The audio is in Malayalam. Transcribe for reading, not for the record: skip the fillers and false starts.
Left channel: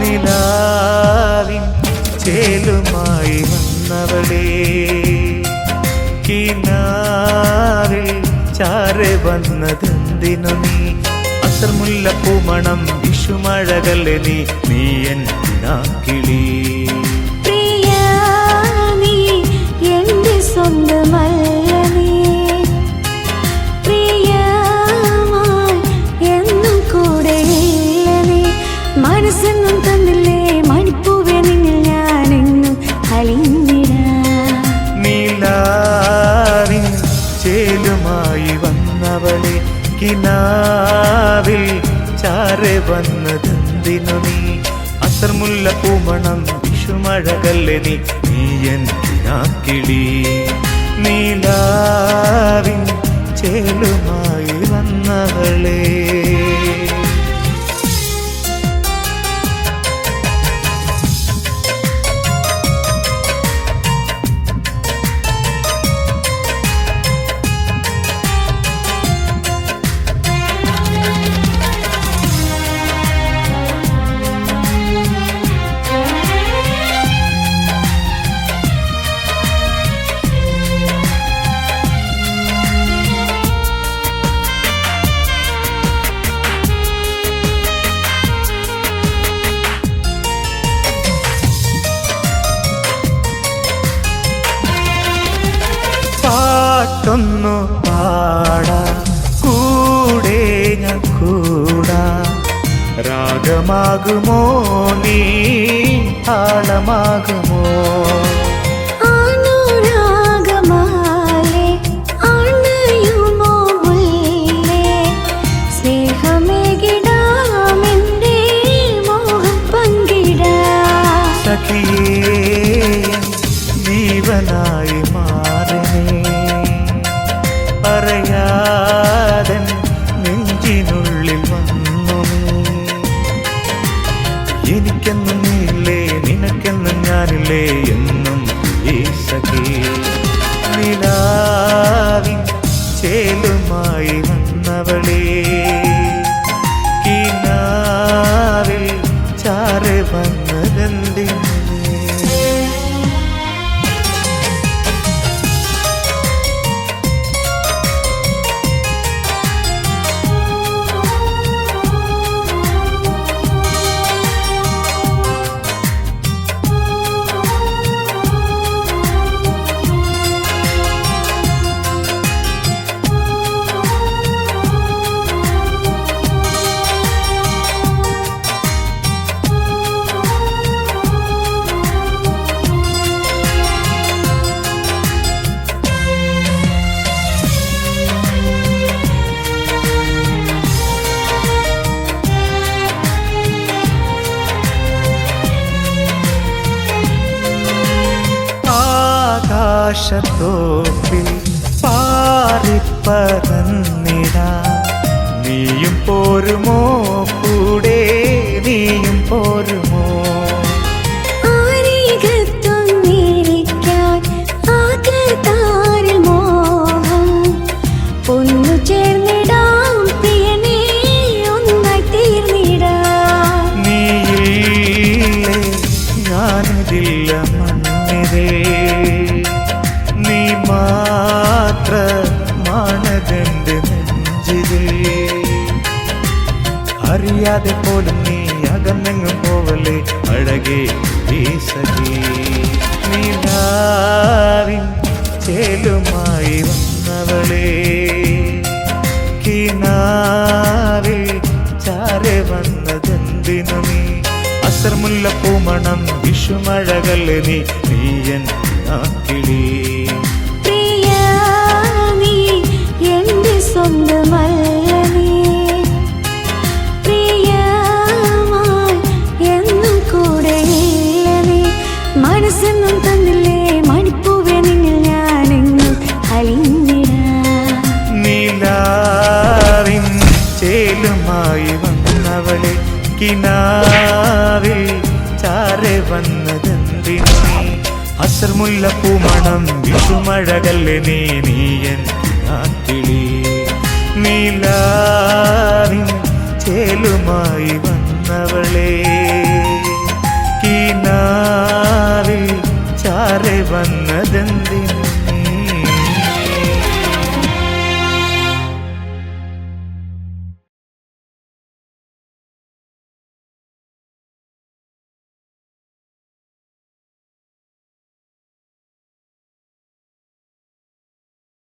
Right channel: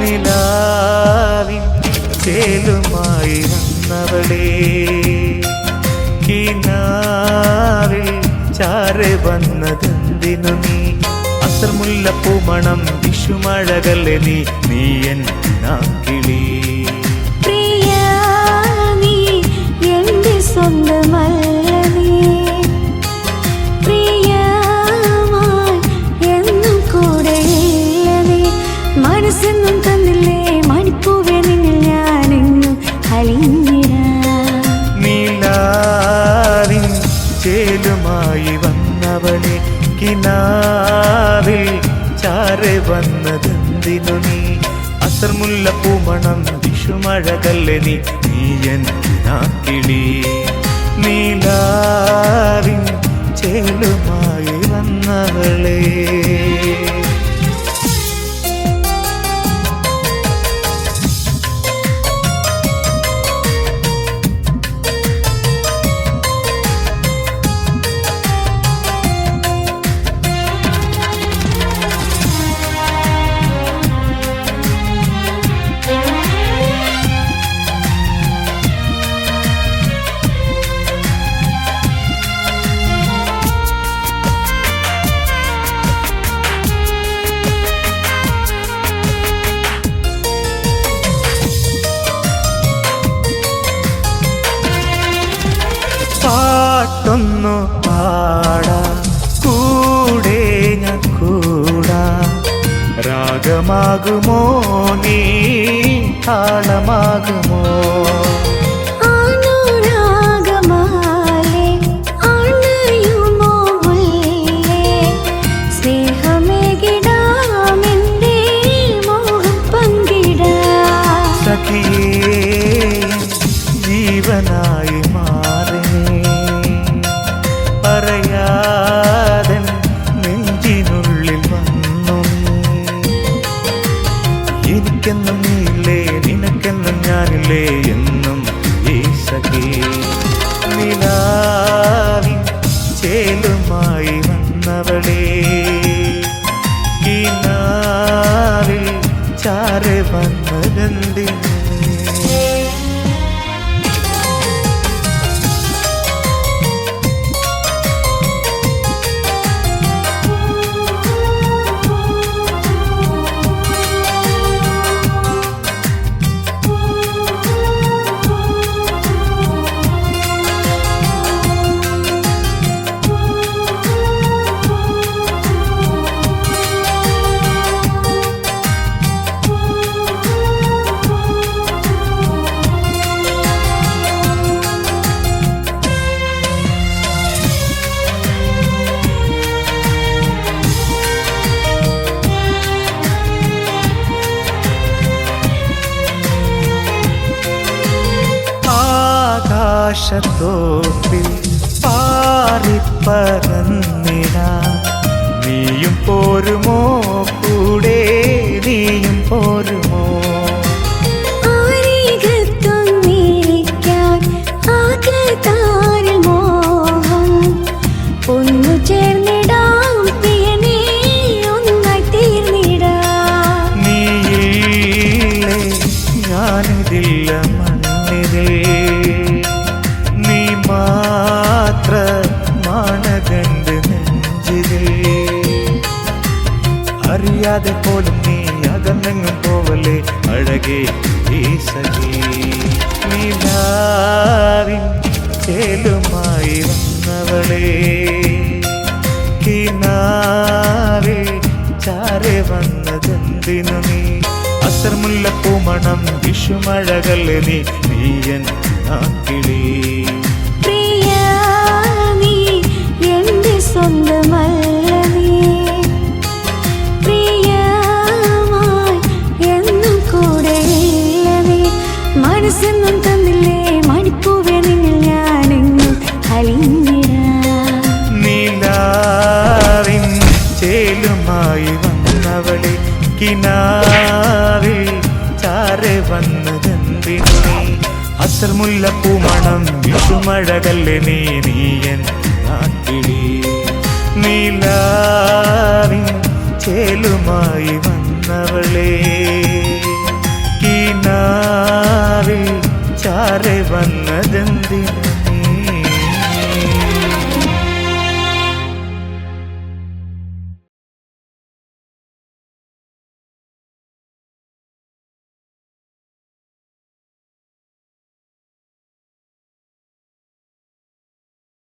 നിലാവിൻ ചേലുമായി വന്നവളേ കിനാവിൽ ചാരെ വന്നതെന്തിനു നീ അസർമുല്ലപ്പൂമണം വിഷുമഴകല്ലേ നീ എൻ കിനാക്കിളി പ്രിയ നീ എന്റെ സ്വന്തമല്ല നീ പ്രിയമായി എന്നും കൂടെയില്ല നീ മനസ്സെന്നും തന്നില്ലേ മണിപ്പൂവേ നിന്നിൽ ഞാനെങ്ങും അലിഞ്ഞിടാം നിലാവിൻ ചേലുമായി വന്നവളെ കിനാവിൽ ചാരെ വന്നതെന്തിനു നീ അസർമുല്ലപ്പൂമണം വിഷുമഴകല്ലേ നീ എൻ കിനാക്കിളി നിലാവിൻ ചേലുമായി വന്നവളേ പാട്ടൊന്നു പാടാ കൂടെ ഞാൻ കൂടാ രാഗമാകുമോ നീ താളമാകുമോ അനുരാഗമാലേ അണയുമോ മുല്ലേ സ്നേഹമേകിടാമെന്റെ മോഹം പങ്കിടാം സഖിയേ ജീവനായി മാറിനേ പറയാതൻ നെഞ്ചിനുള്ളിൽ വന്നു നീ എനിക്കെന്നും നീയില്ലേ നിനക്കെന്നും ഞാനില്ലേ എന്നും ഈ സഖി നിലാവിൻ ചേലുമായി വന്നവളേ കിനാവിൽ ചാരെ വന്നതെന്തിനു നീ ആകാശത്തോപ്പിൽ പാറിപ്പറന്നിടാ നീയും പോരുമോ കൂടെ നീയും പോരുമോ ആരികത്തൊന്നിരിക്കാൻ ആകത്താരിൽ മോഹം ഒന്നു ചേർന്നിടാം പ്രിയനേ ഒന്നായി തീർന്നിടാം നീയില്ലേ ഞാനിതില്ല മണ്ണിരേ നീ മാത്രമാണതെന്റെ നെഞ്ചിലേ അറിയാതെ പോലും നീ അകന്നെങ്ങും പോവല്ലേ അഴകേ ഈ സഖി നിലാവിൻ ചേലുമായി വന്നവളേ കിനാവിൽ ചാരെ വന്നതെന്തിനു നീ അസർമുല്ലപ്പൂമണം വിഷുമഴകല്ലേ നീ എൻ കിനാക്കിളി പ്രിയ നീ എന്റെ സ്വന്തമല്ല നീ പ്രിയമായി എന്നും കൂടെയില്ല നീ മനസ്സെന്നും തന്നില്ലേ മണിപ്പൂവേ നിന്നിൽ ഞാനെങ്ങും അലിഞ്ഞിടാം നിലാവിൻ ചേലുമായി വന്നവളെ കിനാവിൽ ചാരെ വന്നതെന്തിനു നീ അസർമുല്ലപ്പൂമണം വിഷുമഴകല്ലേ നീ എൻ കിനാക്കിളി നിലാവിൻ ചേലുമായി വന്നവളേ കിനാവിൽ ചാരെ വന്നതെന്തിന്